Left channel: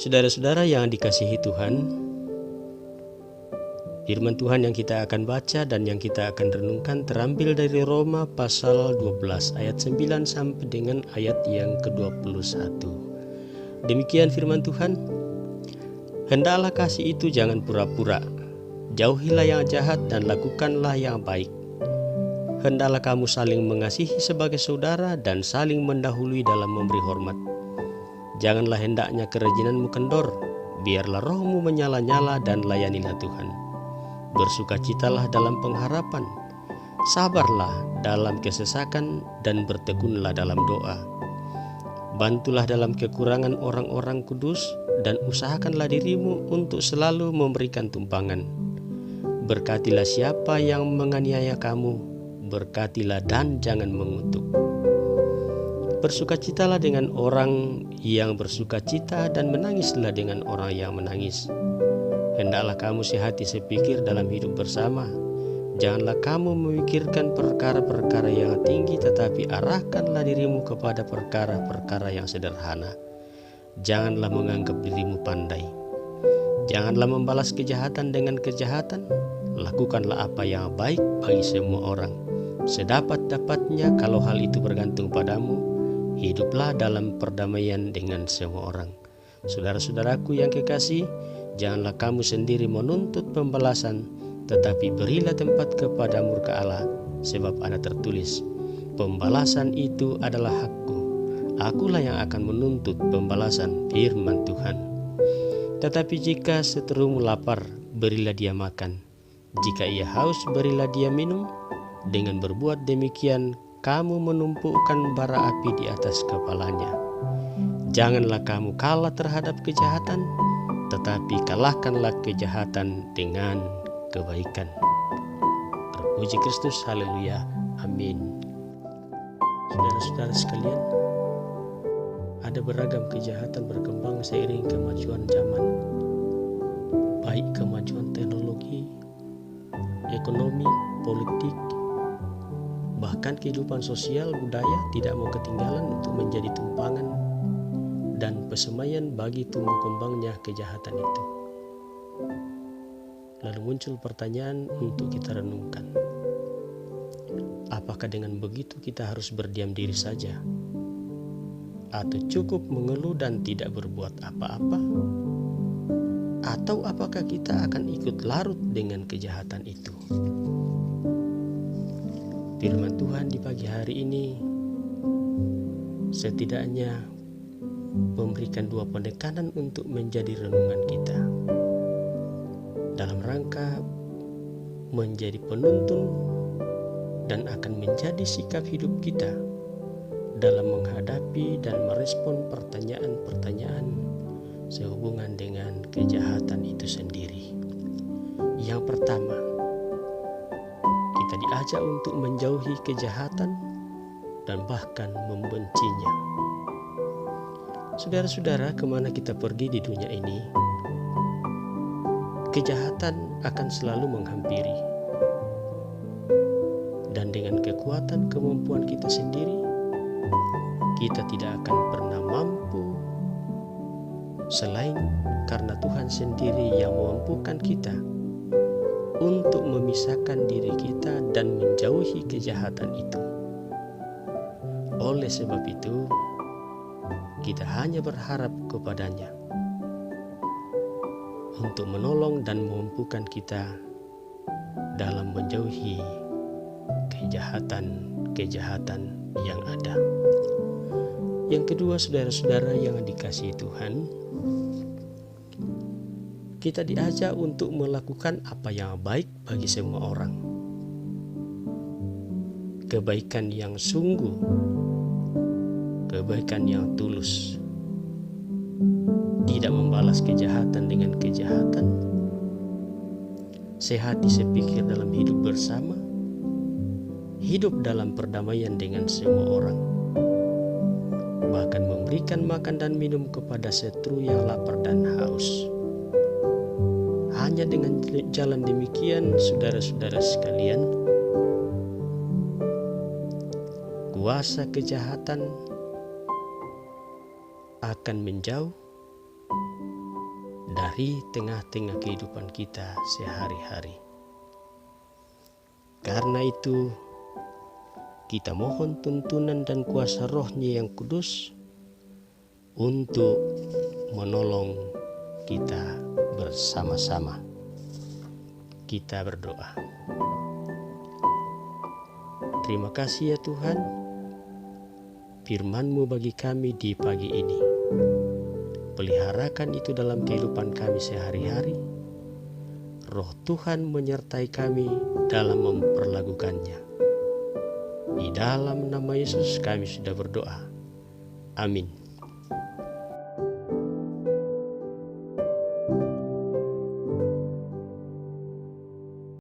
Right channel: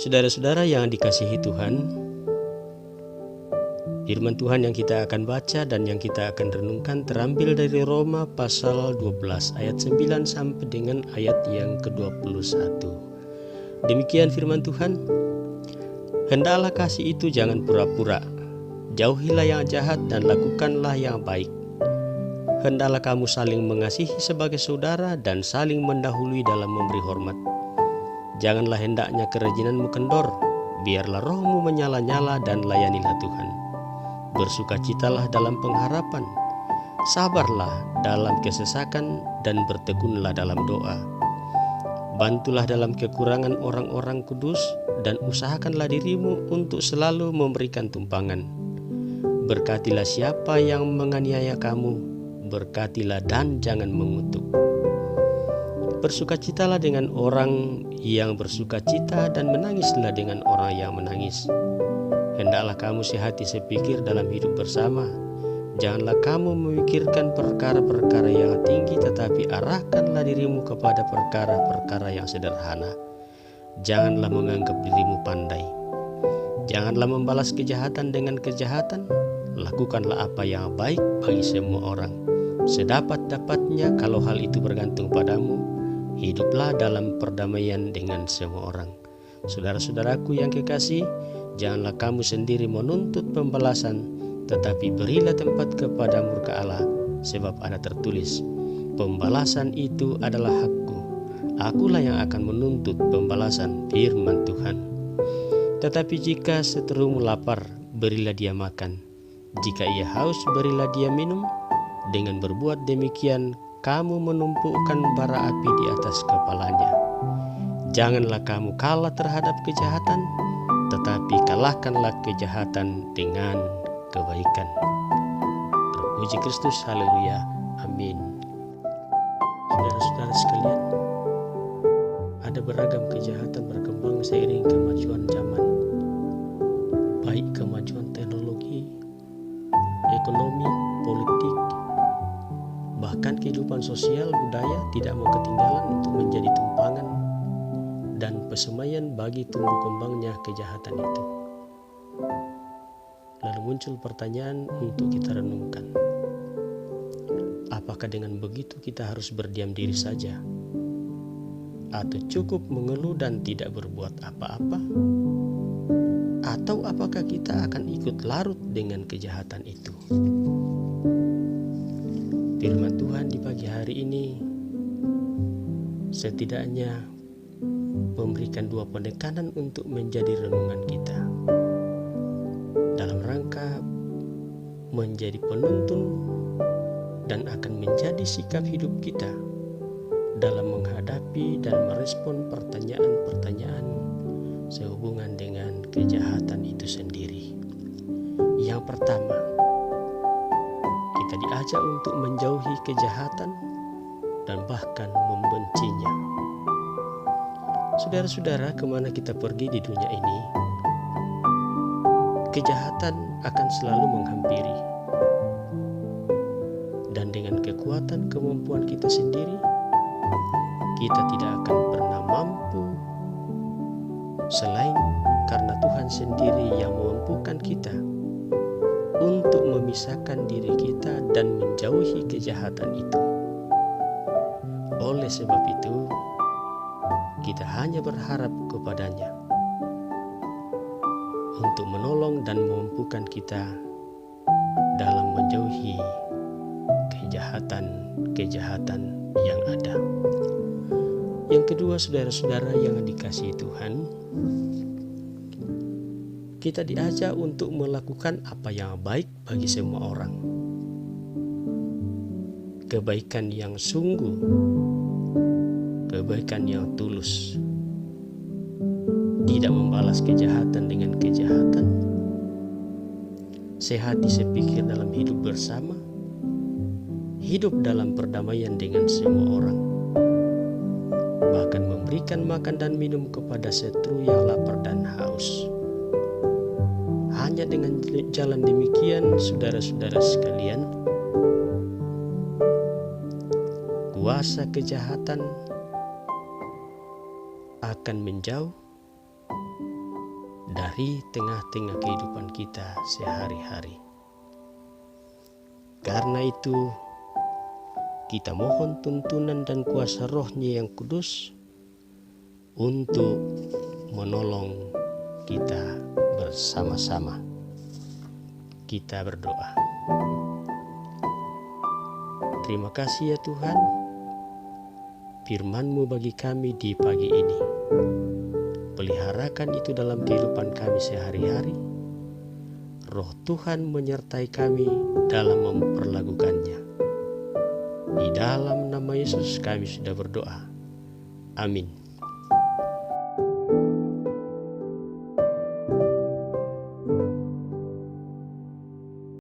Saudara-saudara yang dikasihi Tuhan, firman Tuhan yang kita akan baca dan yang kita akan renungkan terambil dari Roma pasal 12 ayat 9 sampai dengan ayat yang ke-21. Demikian firman Tuhan, hendaklah kasih itu jangan pura-pura, jauhilah yang jahat dan lakukanlah yang baik. Hendaklah kamu saling mengasihi sebagai saudara dan saling mendahului dalam memberi hormat. Janganlah hendaknya kerajinanmu kendor, biarlah rohmu menyala-nyala dan layanilah Tuhan. Bersukacitalah dalam pengharapan, sabarlah dalam kesesakan dan bertekunlah dalam doa. Bantulah dalam kekurangan orang-orang kudus dan usahakanlah dirimu untuk selalu memberikan tumpangan. Berkatilah siapa yang menganiaya kamu, berkatilah dan jangan mengutuk. Bersukacitalah dengan orang yang bersukacita dan menangislah dengan orang yang menangis. Hendaklah kamu sehati sepikir dalam hidup bersama. Janganlah kamu memikirkan perkara-perkara yang tinggi, tetapi arahkanlah dirimu kepada perkara-perkara yang sederhana. Janganlah menganggap dirimu pandai. Janganlah membalas kejahatan dengan kejahatan. Lakukanlah apa yang baik bagi semua orang. Sedapat-dapatnya kalau hal itu bergantung padamu, hiduplah dalam perdamaian dengan semua orang. Saudara-saudaraku yang kekasih, janganlah kamu sendiri menuntut pembalasan, tetapi berilah tempat kepada murka Allah, sebab ada tertulis, pembalasan itu adalah hakku, akulah yang akan menuntut pembalasan, firman Tuhan. Tetapi jika seterumu lapar, berilah dia makan. Jika ia haus, berilah dia minum. Dengan berbuat demikian, kamu menumpukan bara api di atas kepalanya. Janganlah kamu kalah terhadap kejahatan, tetapi kalahkanlah kejahatan dengan kebaikan. Terpuji Kristus, haleluya, amin. Saudara-saudara sekalian, ada beragam kejahatan berkembang seiring kemajuan zaman, baik kemajuan teknologi, ekonomi, politik, bahkan kehidupan sosial budaya tidak mau ketinggalan untuk menjadi tumpangan dan pesemaian bagi tumbuh kembangnya kejahatan itu. Lalu muncul pertanyaan untuk kita renungkan. Apakah dengan begitu kita harus berdiam diri saja? Atau cukup mengeluh dan tidak berbuat apa-apa? Atau apakah kita akan ikut larut dengan kejahatan itu? Firman Tuhan di pagi hari ini setidaknya memberikan dua penekanan untuk menjadi renungan kita dalam rangka menjadi penuntun dan akan menjadi sikap hidup kita dalam menghadapi dan merespon pertanyaan-pertanyaan sehubungan dengan kejahatan itu sendiri. Yang pertama, kita diajak untuk menjauhi kejahatan dan bahkan membencinya. Saudara-saudara, kemana kita pergi di dunia ini, kejahatan akan selalu menghampiri. Dan dengan kekuatan kemampuan kita sendiri, kita tidak akan pernah mampu selain karena Tuhan sendiri yang memampukan kita untuk memisahkan diri kita dan menjauhi kejahatan itu. Oleh sebab itu, kita hanya berharap kepadanya untuk menolong dan memampukan kita dalam menjauhi kejahatan-kejahatan yang ada. Yang kedua, saudara-saudara yang dikasihi Tuhan, kita diajak untuk melakukan apa yang baik bagi semua orang. Kebaikan yang sungguh, kebaikan yang tulus. Tidak membalas kejahatan dengan kejahatan. Sehati sepikir dalam hidup bersama. Hidup dalam perdamaian dengan semua orang. Bahkan memberikan makan dan minum kepada setru yang lapar dan haus. Hanya dengan jalan demikian, saudara-saudara sekalian, kuasa kejahatan akan menjauh di tengah-tengah kehidupan kita sehari-hari. Karena itu, kita mohon tuntunan dan kuasa Roh-Nya yang kudus untuk menolong kita bersama-sama. Kita berdoa. Terima kasih ya Tuhan, firman-Mu bagi kami di pagi ini. Peliharakan itu dalam kehidupan kami sehari-hari. Roh Tuhan menyertai kami dalam memperlakukannya. Di dalam nama Yesus kami sudah berdoa. Amin.